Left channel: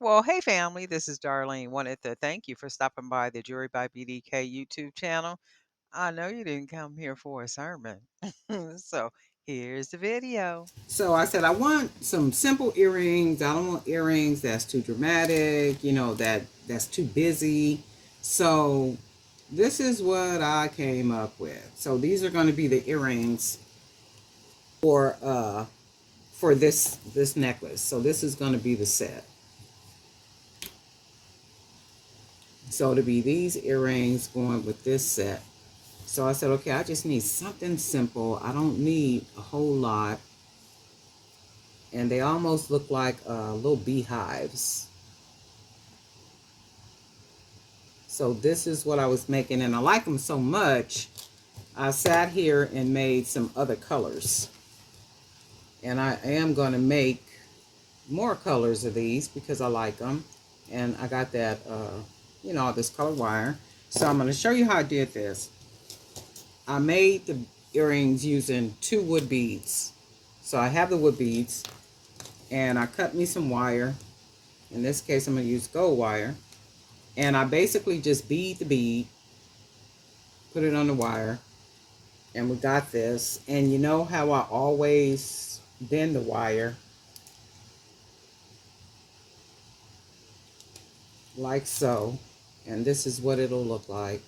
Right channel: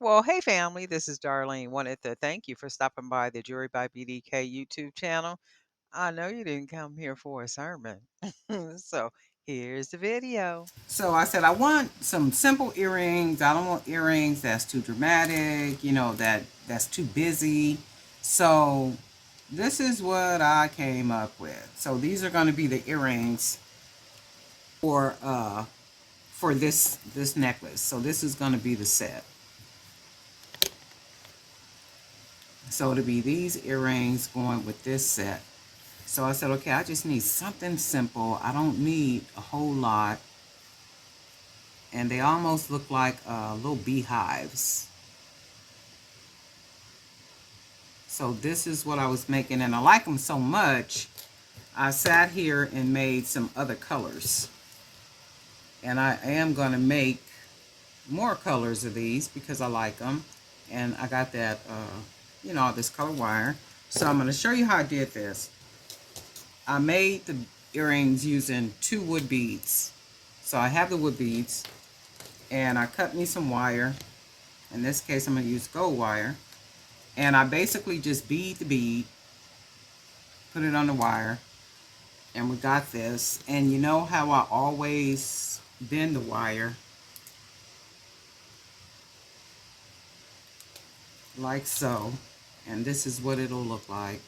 Well, hey family, this is Darlene. Wanted to thank you for stopping by the Jewelry by BDK YouTube channel. I know you didn't come here for a sermon. So here's the video. So I said I want some simple earrings. I don't want earrings that's too dramatic, that's too busy. So this is what I came up with. So these are going to be the earrings for this necklace. So this is going to be the set. So to be these earrings going with this set. So I said, okay, I just need something simple. I don't need a whole lot. And they almost look like little beehives. So this is what I was making, and I like them so much, I sat here and made some other colors. And I am going to make more colors of these because I like them. And I got that, this color wire. So I'm going to show you how I did this. I made the earrings using 2 wood beads. So I have the wood beads, and I cut me some wire. In this case, I'm going to use gold wire. And I basically just bead the bead, put it on the wire, and we got this. And you know how I always bend the wire like so, and this is what it'll look like.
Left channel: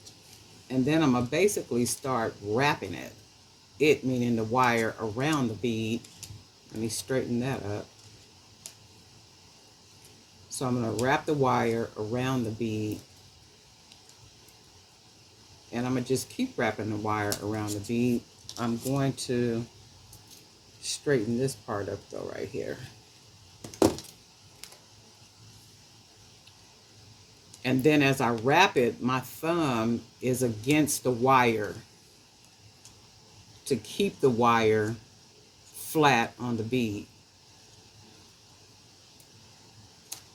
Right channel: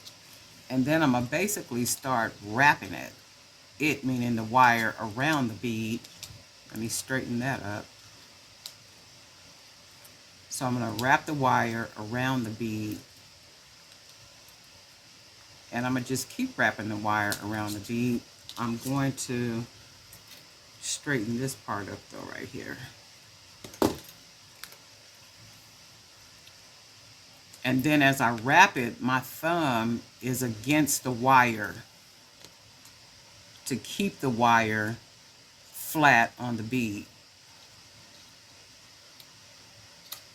And then I'm gonna basically start wrapping it meaning the wire around the bead. Let me straighten that up. So I'm gonna wrap the wire around the bead, and I'm gonna just keep wrapping the wire around the bead. I'm going to straighten this part up though right here. And then as I wrap it, my thumb is against the wire to keep the wire flat on the bead.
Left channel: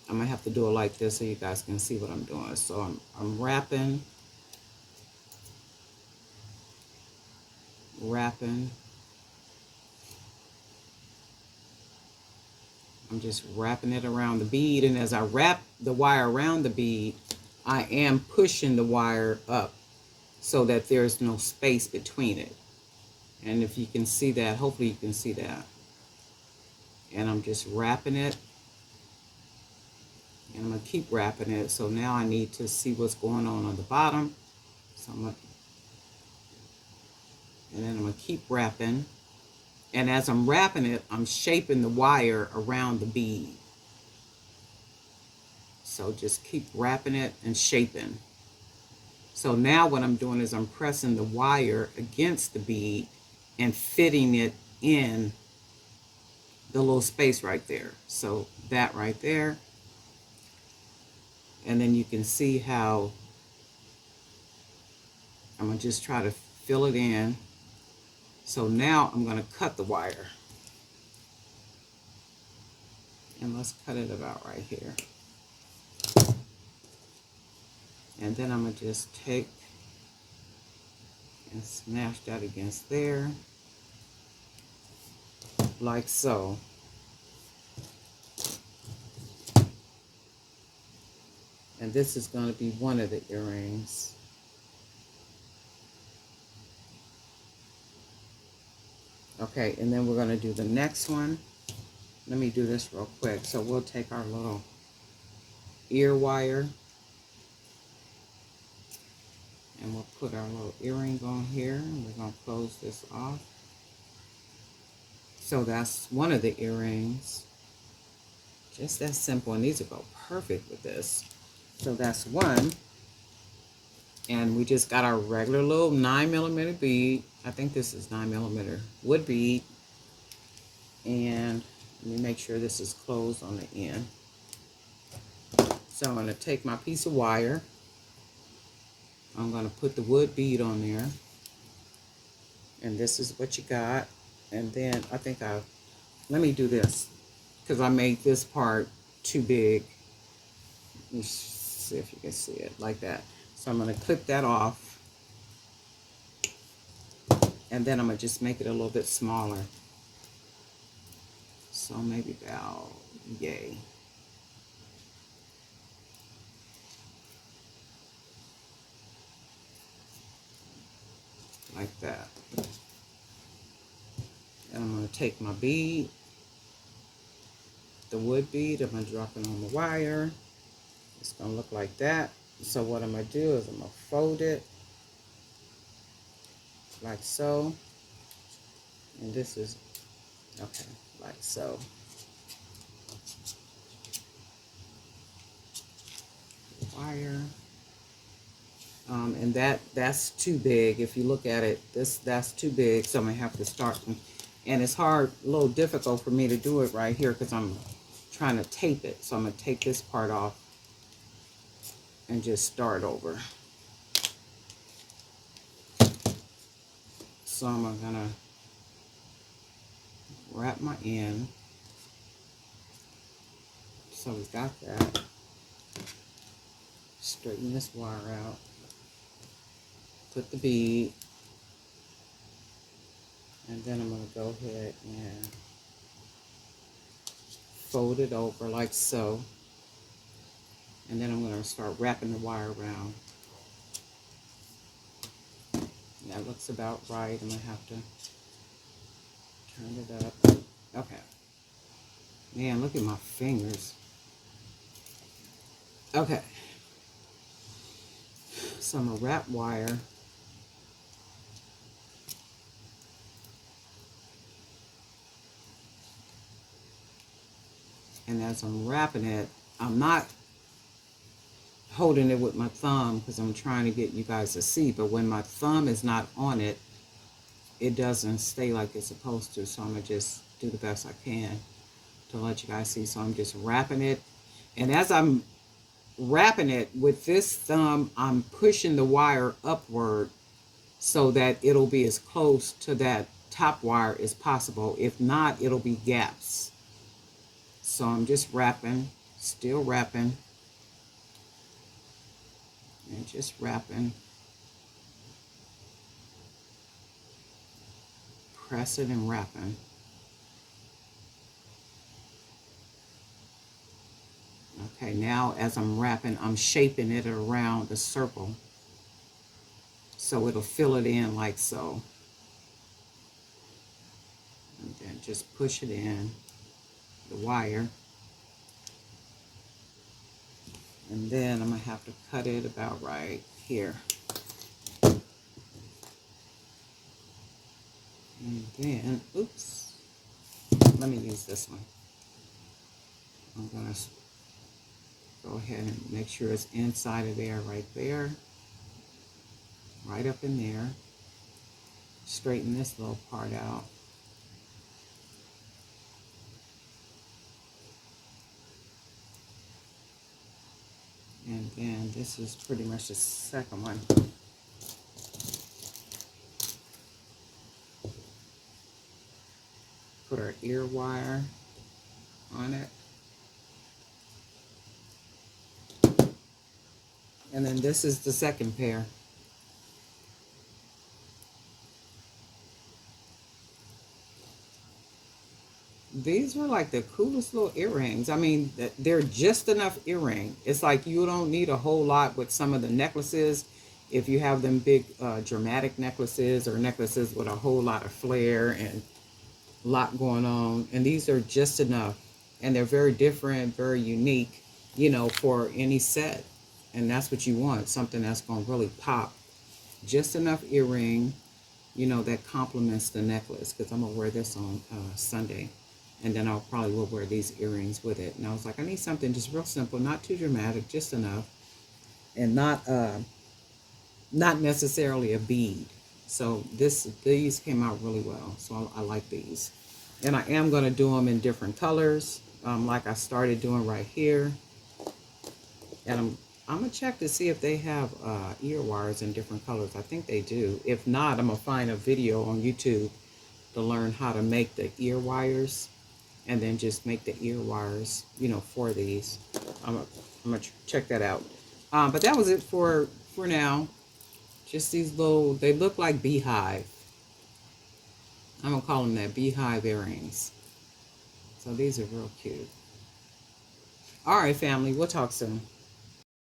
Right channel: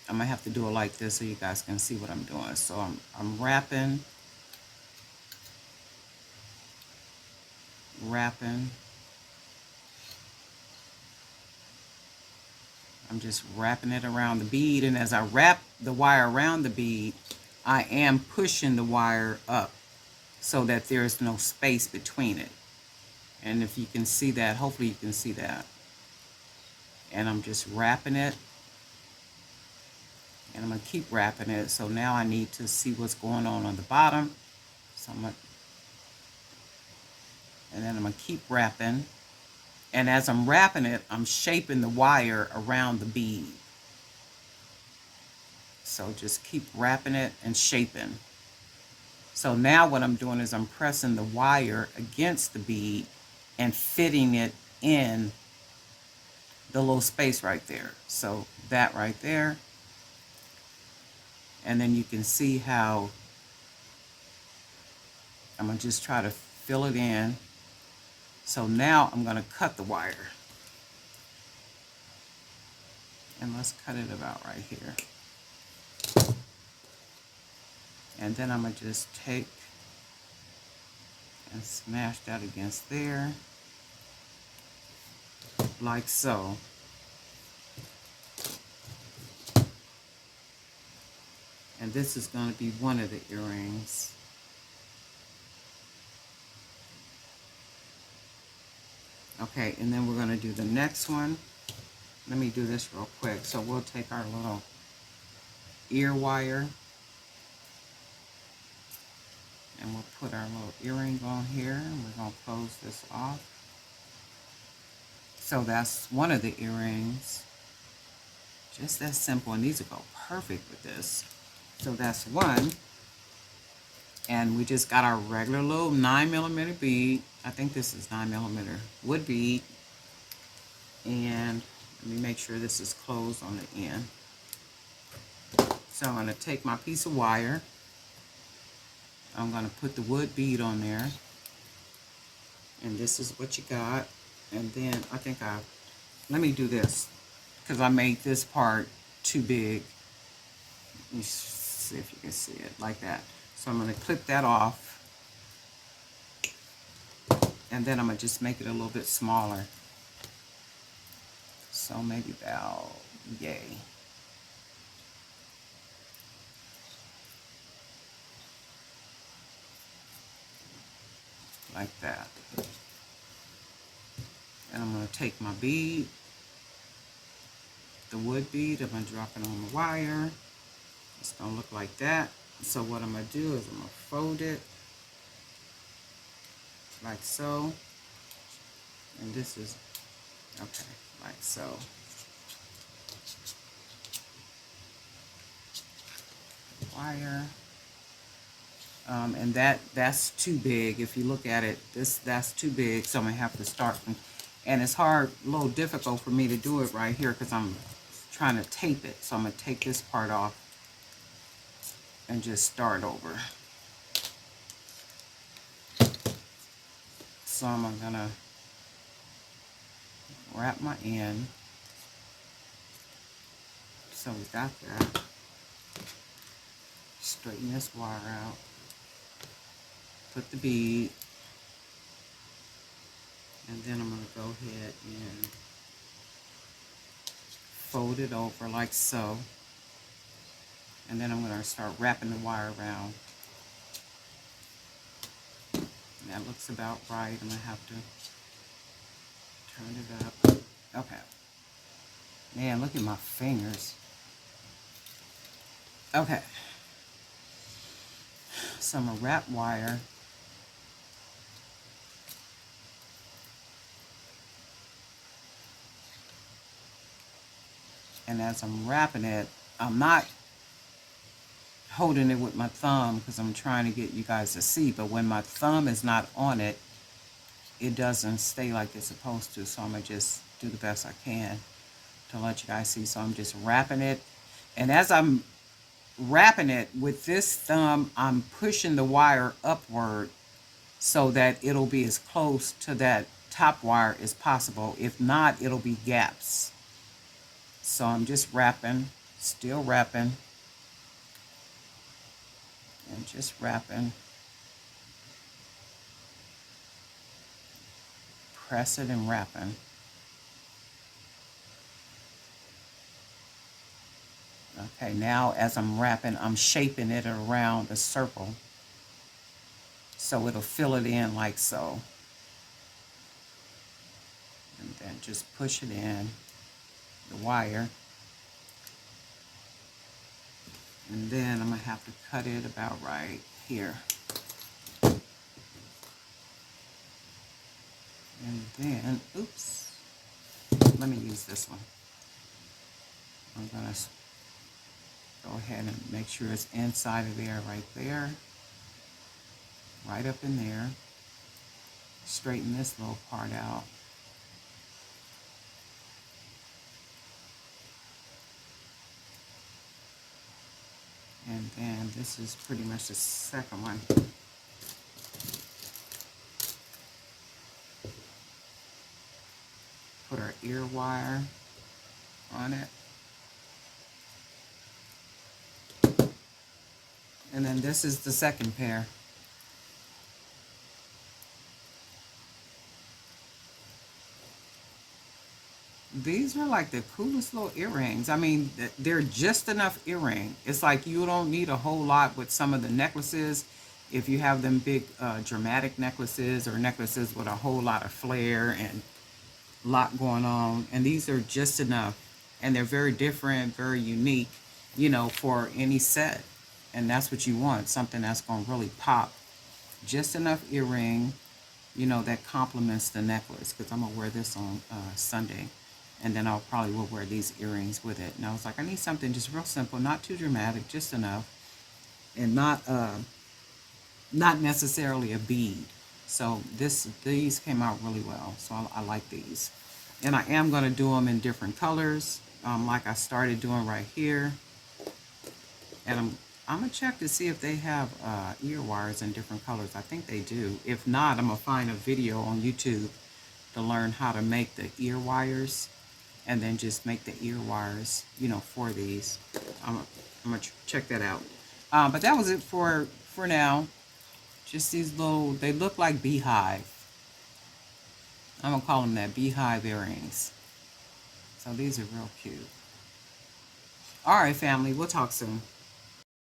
I'm gonna have to do it like this so you guys can see what I'm doing. So I'm wrapping. I'm just wrapping it around the bead, and as I wrap the wire around the bead, I am pushing the wire up so that there's no space between it. And if you can see that, hopefully you can see that. And I'm just wrapping it, and I'm gonna keep wrapping it. So now I need to see what's going on the bottom. So and then I'm gonna keep wrapping. And as I'm wrapping it, I'm shaping the wire around the bead. So just keep wrapping it and shaping. So now what I'm doing is I'm pressing the wire against the bead and fitting it in the little space right there. So that right there. And then you can see how I'm gonna just try to fill it in. So now I'm gonna cut the wire. And let's cut it about right here. And then I'm gonna just take and smash that against there, like so. And this is going to be one of the earrings. Okay, and then we're going to do the next one. Let me do this real quick. So we'll take our little ear wire, and we'll put our little earring on here, and we're going to close this off. So that's one of the earrings. Just that simple, and these will go perfect with this. So that's one. And we just got our regular little 9mm bead. I think this is 9mm wood bead. And let me make sure this is closed on the end. So I'm going to take my piece of wire. I'm going to put the wood bead on there. And this is what you got. And then let me do this, because I made this part too big. Let me see if you can see it like that. So I'm going to clip that off. And then I'm going to just make it a little bit smaller. So maybe about yay. like that. And I'm going to take my bead, the wood bead, I'm going to drop it on the wire. It's going to look like that. So what I'm going to do is I'm going to fold it like so. And this is, okay, like so. Wire. And that's too big. If you look at it, that's too big. So I'm going to have to start. And it's hard, a little difficult for me to do it right here because I'm trying to tape it. So I'm going to take this part off and just start over. So I'm going to wrap my end. So we got that. Straighten this wire out. Put the bead. And then I'm going to go ahead and fold it over like so. And then I'm going to start wrapping the wire around. And that looks about right. I'm going to have to turn it up. Okay. Man, look at my fingers. Okay. So I'm going to wrap wire. And as I'm wrapping it, I'm not holding it with my thumb because I'm trying to get you guys to see. But when my thumb is not on it, it doesn't stay like it's supposed to. So I'm going to just do the best I can to let you guys see. So I'm just wrapping it. And as I'm wrapping it with this thumb, I'm pushing the wire upward so that it'll be as close to that top wire as possible. If not, it'll be gaps. So I'm just wrapping, still wrapping, and just wrapping. Press it and wrapping. Okay, now as I'm wrapping, I'm shaping it around the circle so it'll fill it in like so. And then just push it in, the wire. And then I'm going to have to cut it about right here. And then, oops, let me use this one. I'm going to go ahead and make sure it's inside of there, right up in there. Straighten this little part out. And then this is pretty much the second one. Put our ear wire on it. And then this is the second pair. These are like the coolest little earrings. I mean, they're just enough earring. It's like you don't need a whole lot with some of the necklaces. If you have them big dramatic necklaces or necklaces with a whole lot of flair and a lot going on. And these are just enough. And they're very different, very unique, you know, for any set. And that's what you want, something that's going to really pop. Just enough earring, you know, that complements the necklace. Because I'm going to wear this on Sunday. And then I'll probably will wear these earrings with it. And I was like, I need something just real simple, not too dramatic, just enough. And not necessarily a bead. So these came out really well. So I like these. And I am going to do them in different colors, like I started doing right here. And I'm going to check to see if they have ear wires in different colors. I think they do. If not, I'm going to find a video on YouTube to learn how to make the ear wires. And then just make the ear wires, you know, for these. I'm going to check that out. But that was it for now. Just these little, they look like beehive. I'm going to call them that, beehive earrings. So these are real cute. All right, family, we'll talk soon.